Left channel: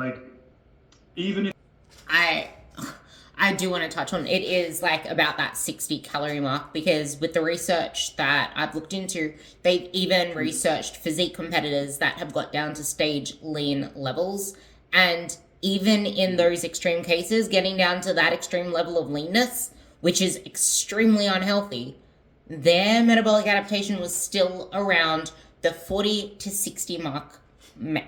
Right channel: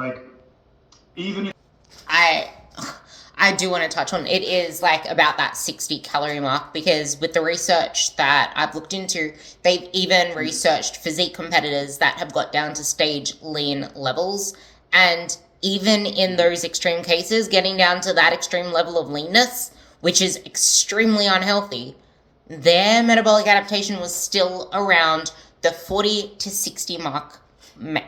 Like, even if I do want to touch on it is like about that 60 calorie mark, because with the research that I've looked into, they've even researched physique competitors that have got down to stage lean levels, and even in those extreme cases, getting down to that extreme level of leanness, which is extremely unhealthy, their metabolic adaptation was still around the 40 to 60 mark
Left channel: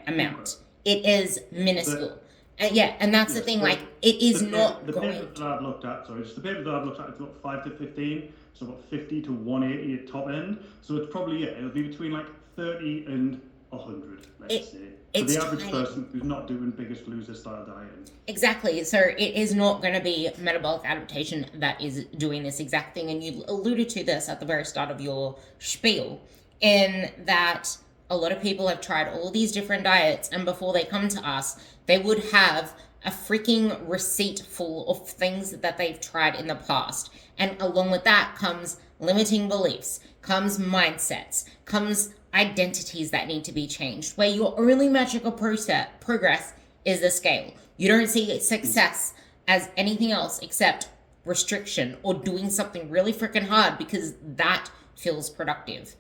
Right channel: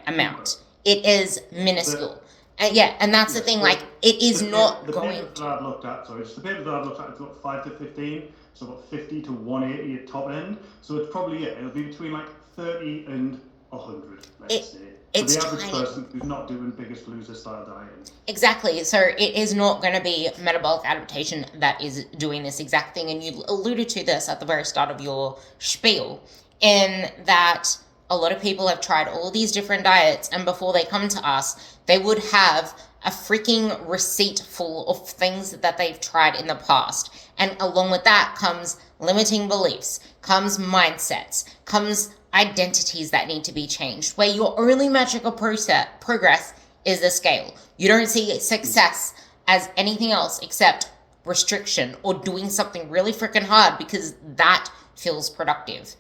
amount. It is minuscule. Yeah, and that's the thing, like, it is not the going papers that I've looked at, sorry, just the papers that I've looked at, it's got 5 to 15, so about 50 to 180 at top end. So it's probably, yeah, it'll be between like 30 and 100, let's say. For the average person who's not doing Biggest Loser style dieting. Exactly. So it is not going to be metabolic adaptation that is doing this exact thing. And you alluded to this at the very start of your spiel, in that a lot of people have tried all these different diets, and before they come to us, they would have a freaking receipt full of things that they've tried in the past. And along with that comes limiting beliefs, comes mindsets, comes identities that need to be changed, where your only metric of progress is the scale. You don't see success as anything else except restriction or doing something really freaking hard because that feels productive.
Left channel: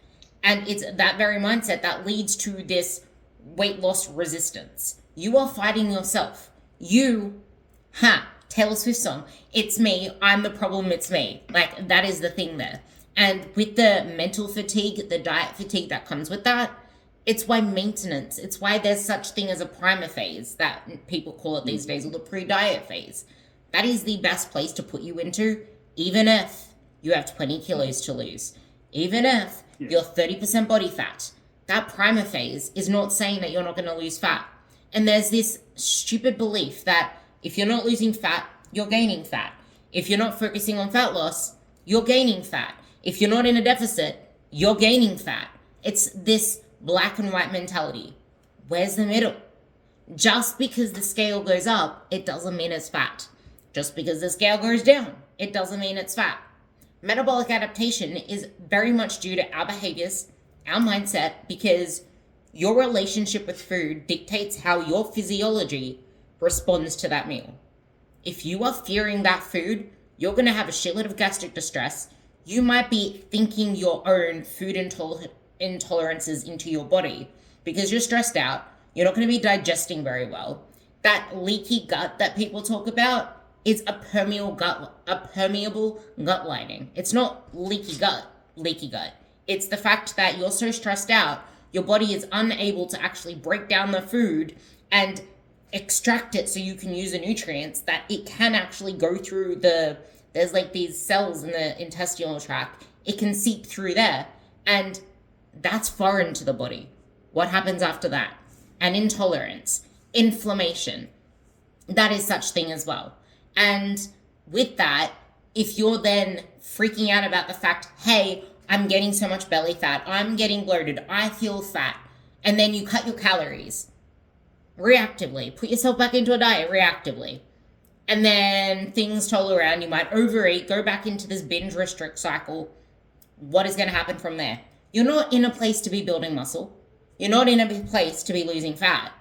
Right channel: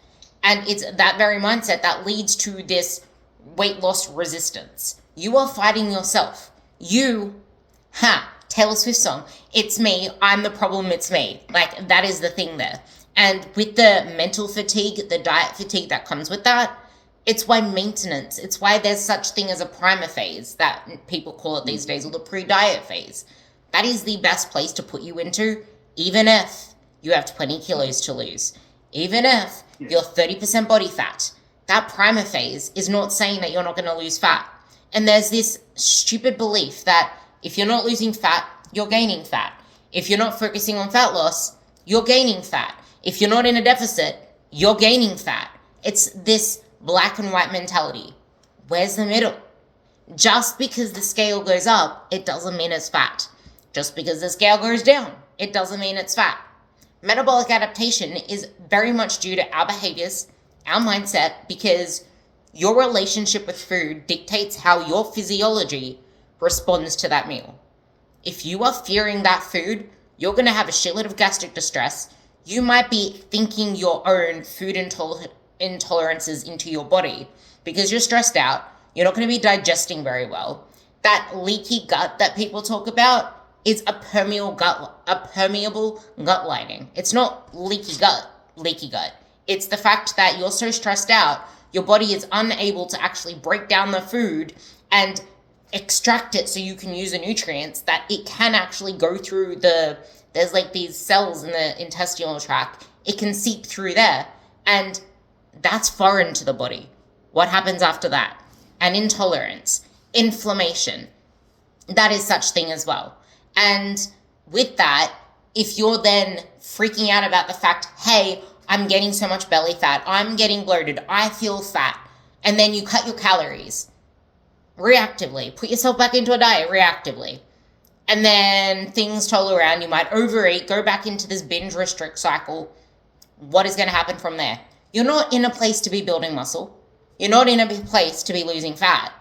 And it's that very mindset that leads to this weight loss resistance. You are fighting yourself. Taylor Swift song, it's me, I'm the problem, it's me. Like, that is the thing there. And with the mental fatigue, the diet fatigue that comes with that, it's why maintenance, it's why there's such thing as a primer phase that people call it these days, or the pre-diet phase. That is the best place to put you into, even if you have 20 kilos to lose. Even if you're 30% body fat. That primer phase is not saying that you're not going to lose fat. And there's this stupid belief that if you're not losing fat, you're gaining fat. If you're not focusing on fat loss, you're gaining fat. If you're not in a deficit, you're gaining fat. It's this black and white mentality. Where's the middle? Just because the scale goes up, it doesn't mean it's fat. Just because the scale goes down, it doesn't mean it's fat. Metabolic adaptation is very much due to our behaviors, our mindset, because your relationship with food dictates how your physiology responds to that meal. If you are fearing that food, you're going to have a shitload of gastric distress. You might be thinking your own food intolerances into your body because you're stressed out. You're not going to be digesting very well. That leaky gut that people talk about is a permeable gut lining. It's not leaky gut. It's the fact that you're so stressed out, your body is unable to actually break down the food and extract it so you can use the nutrients that it can actually go through there's like these cells in the intestinal tract. It can seep through there, and that's foreign to the body. What happens after that? An intolerance, inflammation, that is such thing as well. And with that, if you're then freaking out about the fact, hey, I'm getting so much belly fat, I'm getting bloated, I feel fat, and then you cut your calories reactively, put yourself back into a diet reactively, and then things toll around, you might overeat, go back into this binge restrict cycle, what is going to happen from there? You're not in a place to be building muscle. You're not in a place to be losing fat.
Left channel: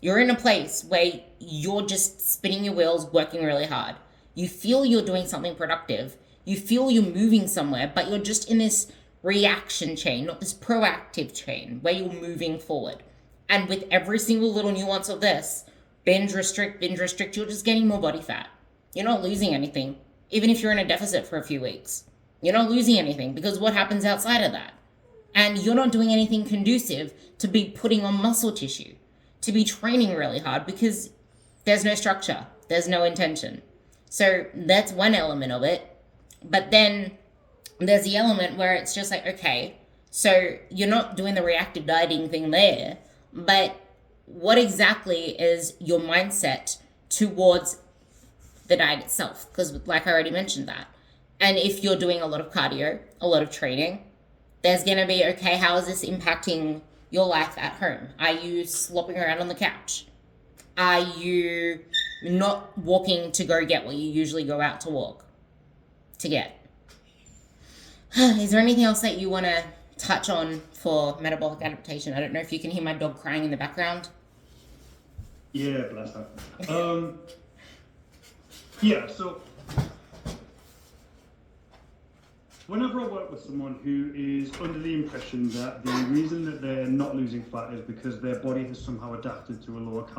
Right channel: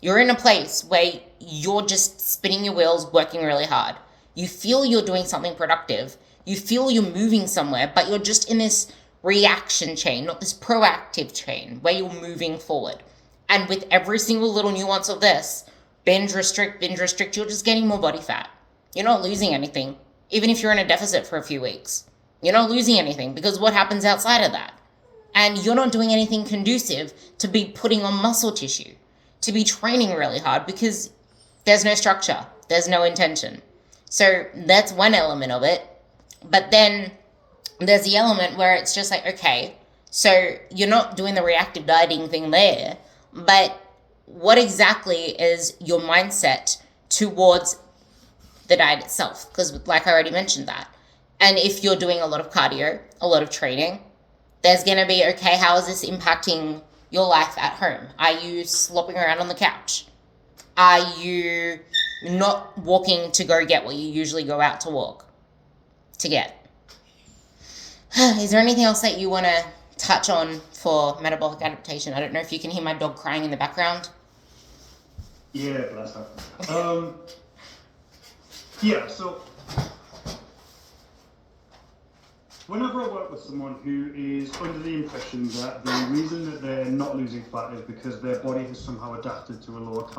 You're in a place where you're just spinning your wheels, working really hard. You feel you're doing something productive. You feel you're moving somewhere, but you're just in this reaction chain, not this proactive chain where you're moving forward. And with every single little nuance of this, binge restrict, you're just getting more body fat. You're not losing anything, even if you're in a deficit for a few weeks. You're not losing anything because what happens outside of that? And you're not doing anything conducive to be putting on muscle tissue, to be training really hard, because there's no structure, there's no intention. So that's one element of it. But then there's the element where it's just like, okay, so you're not doing the reactive dieting thing there, but what exactly is your mindset towards the diet itself? Because like I already mentioned that. And if you're doing a lot of cardio, a lot of training, there's going to be, okay, how is this impacting your life at home? Are you slopping around on the couch? Are you not walking to go get what you usually go out to walk to get? Is there anything else that you want to touch on for metabolic adaptation? I don't know if you can hear my dog crying in the background. Yeah, bless her. Yeah, so whenever I work with someone who is under the impression that the reason that they're not losing fat is because their body has somehow adapted to a lower